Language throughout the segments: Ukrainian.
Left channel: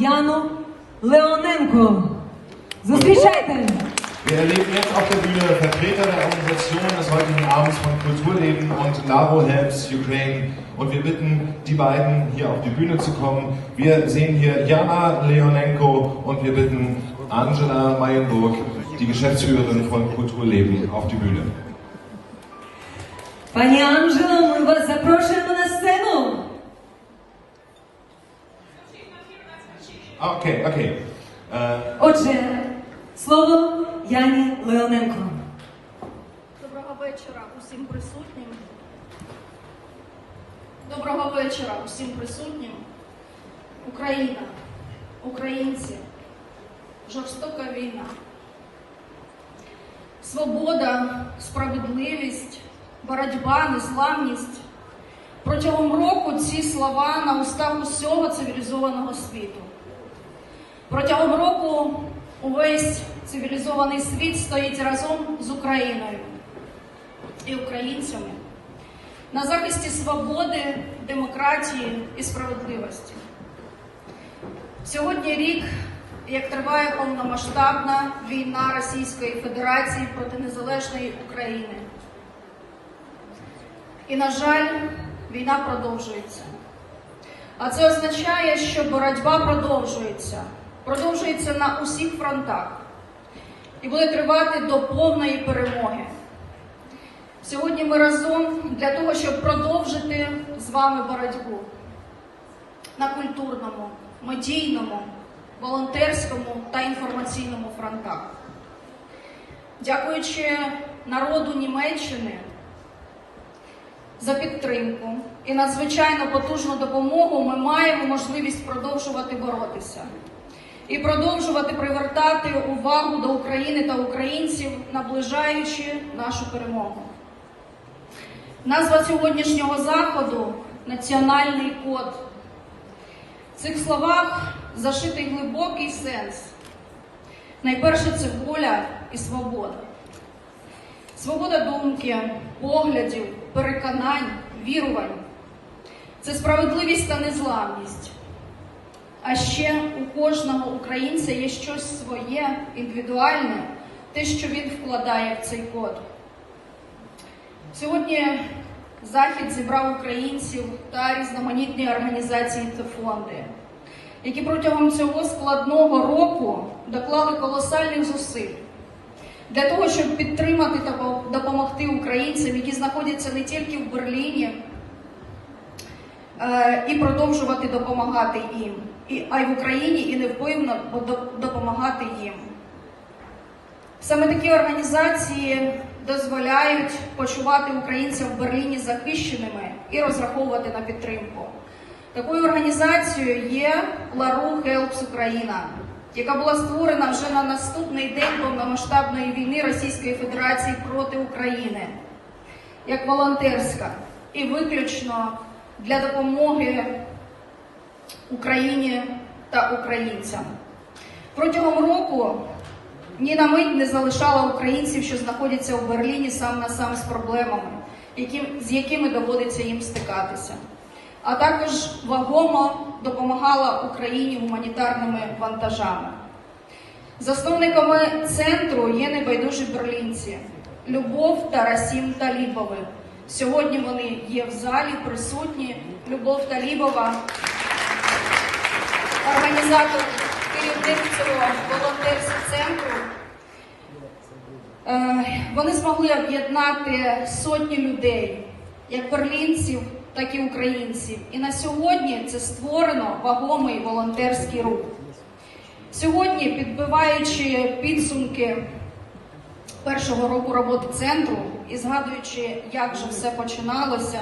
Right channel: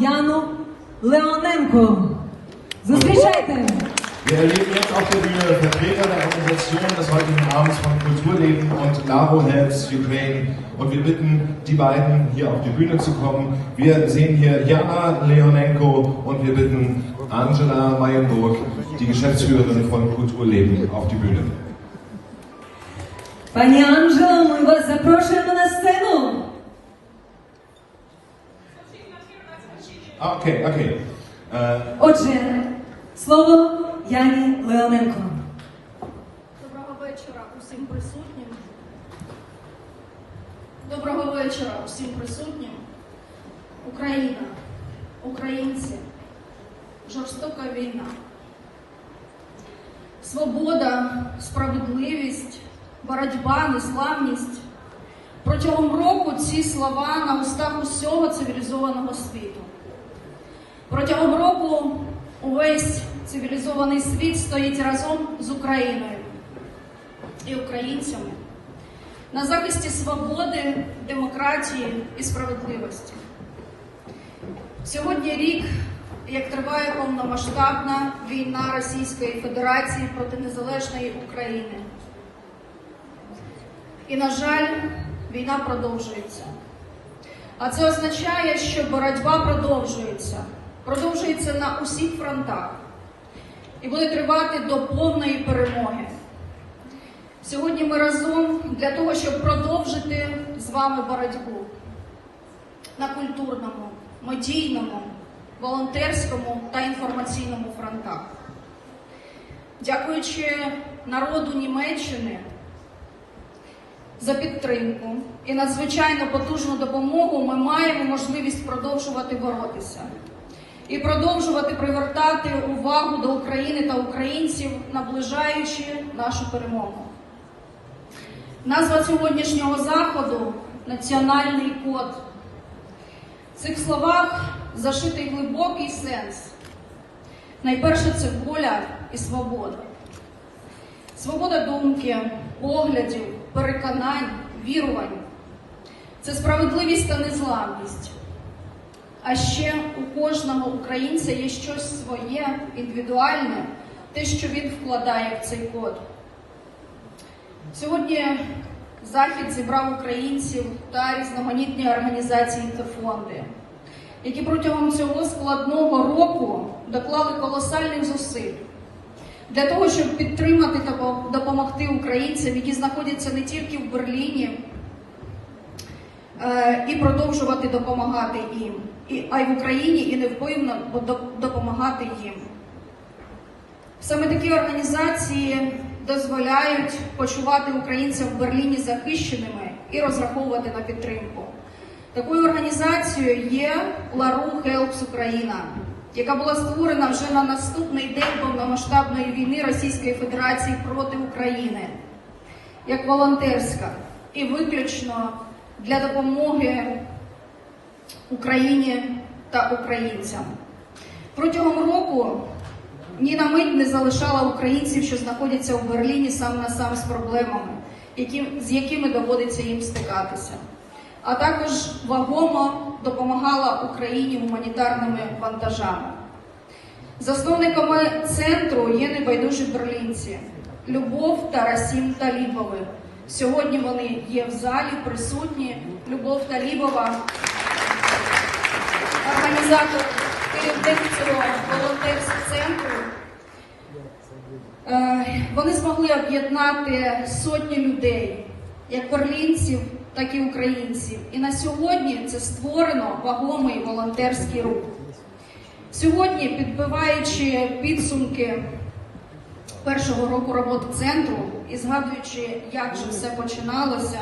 Janu Leonenko. Zufrieden! Wir erleben jetzt auf der Bühne Vertreter der Organisation des heutigen Abends von Kulturleben und Laro Helps Ukraine. Und wir bitten die beiden hier auf die Bühne zu kommen. Wir sehen hier Jana Leonenko und wir bitten Angela Mayenburg, die Geschäftsführerin von Kulturleben, auf die Bühne. Frau Angela, Anżelo, my Sie zapraszamy der scenę. Okay, okay. Äh, Отже, слово Яні Леоненко. Доброго вечора усім присутнім. Доброго вечора усім присутнім. Україна, українці, жорстока війна. Свобода, справедливість, боротьба, незламність. Протягом року ці слова на устах усього цивілізованого світу. Протягом року увесь цивілізований світ стоїть разом з Україною і українцями на захисті свободи, демократії і справедливості. Сьогодні рік, як триває повномасштабна війна Російської Федерації проти незалежної України. І, на жаль, війна продовжується. А це означає, що боротьба продовжується, продовжується на усіх фронтах і буде тривати до повної перемоги. Сьогодні ми разом для того, щоб продовжити з вами боротьбу на культурному, медійному, волонтерському та інформаційному фронтах. Дякуючи народу Німеччини за підтримку і надзвичайно потужну допомогу, ми маємо можливість продовжувати боротися і продовжувати привертати увагу до України та українців, наближаючи нашу перемогу. Назва сьогоднішнього заходу національний код. В цих словах зашитий глибокий сенс. Найперше це воля і свобода. Свобода думки, поглядів, переконань, вірувань. Це справедливість та незламність. А ще у кожного українця є щось своє, індивідуальне, те, що він вкладає в цей код. Сьогодні захід зібрав українців та різноманітні організації та фонди, які протягом цього складного року доклали колосальних зусиль для того, щоб підтримати та допомогти українцям, які знаходяться не тільки в Берліні, і продовжувати допомагати їм, і- а й в Україні, і невпинно допомагати їм. Саме такі організації дозволяють почувати українців в Берліні захищеними і розраховувати на підтримку. Такою організацією є Лару Хелпс Україна, яка була створена вже на наступний день повномасштабної війни Російської Федерації проти України, як волонтерська і виключно для допомоги Україні та українцям. Протягом року ні на мить не залишала українців, що знаходяться у Берліні сам на сам з проблемами, з якими доводиться їм стикатися. А також вагомо допомагала Україні гуманітарними вантажами. Засновниками центру є небайдужі берлінці Любов та Расім Талібови. Сьогодні вони є в залі присутні. Любов Талібова, організатор керівник волонтерського центру. Е, Вони змогли об'єднати сотні людей, як берлінців, так і українців. І на сьогодні це створено вагомий волонтерський рух. Сьогодні, підбиваючи підсумки першого року роботи центру і згадуючи, як же все починалося,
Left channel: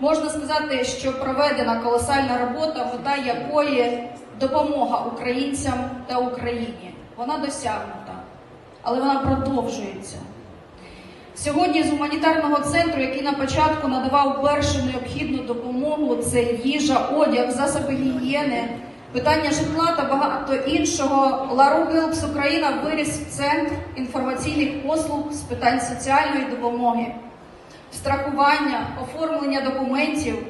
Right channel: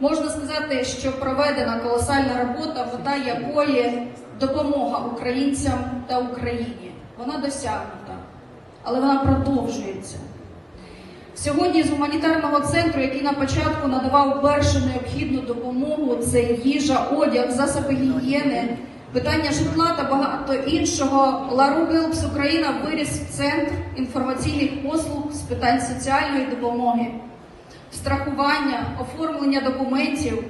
можна сказати, що проведена колосальна робота, мета якої допомога українцям та Україні. Вона досягнута, але вона продовжується. Сьогодні з гуманітарного центру, який на початку надавав першу необхідну допомогу, це їжа, одяг, засоби гігієни, питання житла та багато іншого, Лару Гелпс Україна виріс в центр інформаційних послуг з питань соціальної допомоги, страхування, оформлення документів,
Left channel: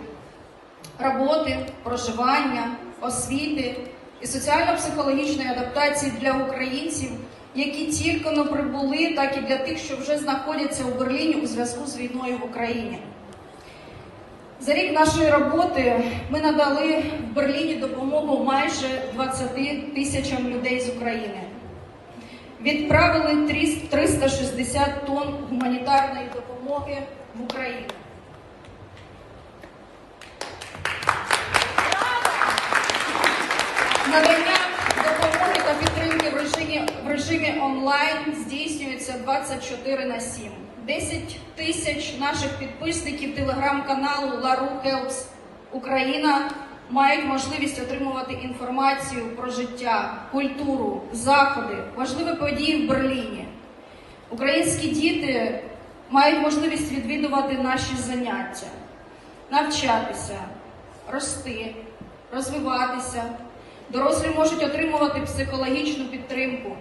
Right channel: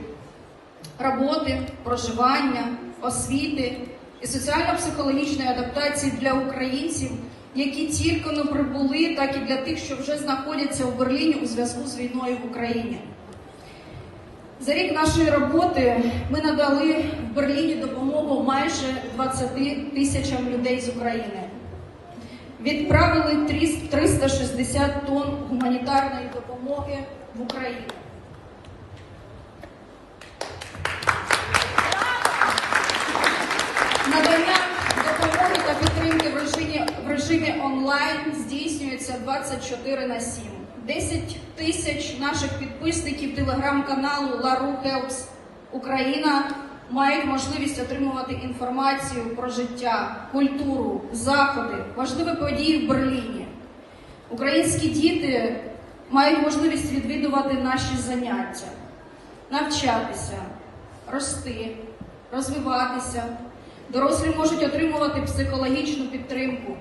роботи, проживання, освіти, і соціально-психологічної адаптації для українців, які тільки но прибули, так і для тих, що вже знаходяться у Берліні у зв'язку з війною в Україні. За рік нашої роботи ми надали в Берліні допомогу майже 20 тисячам людей з України. Відправили 360 тонн гуманітарної допомоги в Україну. Надання допомоги та підтримки в режимі, в режимі онлайн здійснюється 24 на 7. 10 тисяч наших підписників телеграм-каналу LaRu Helps Україна мають можливість отримувати інформацію про життя, культуру, заходи, важливі події в Берліні. Українські діти мають можливість відвідувати наші заняття, навчатися, рости, розвиватися. Дорослі можуть отримувати психологічну підтримку,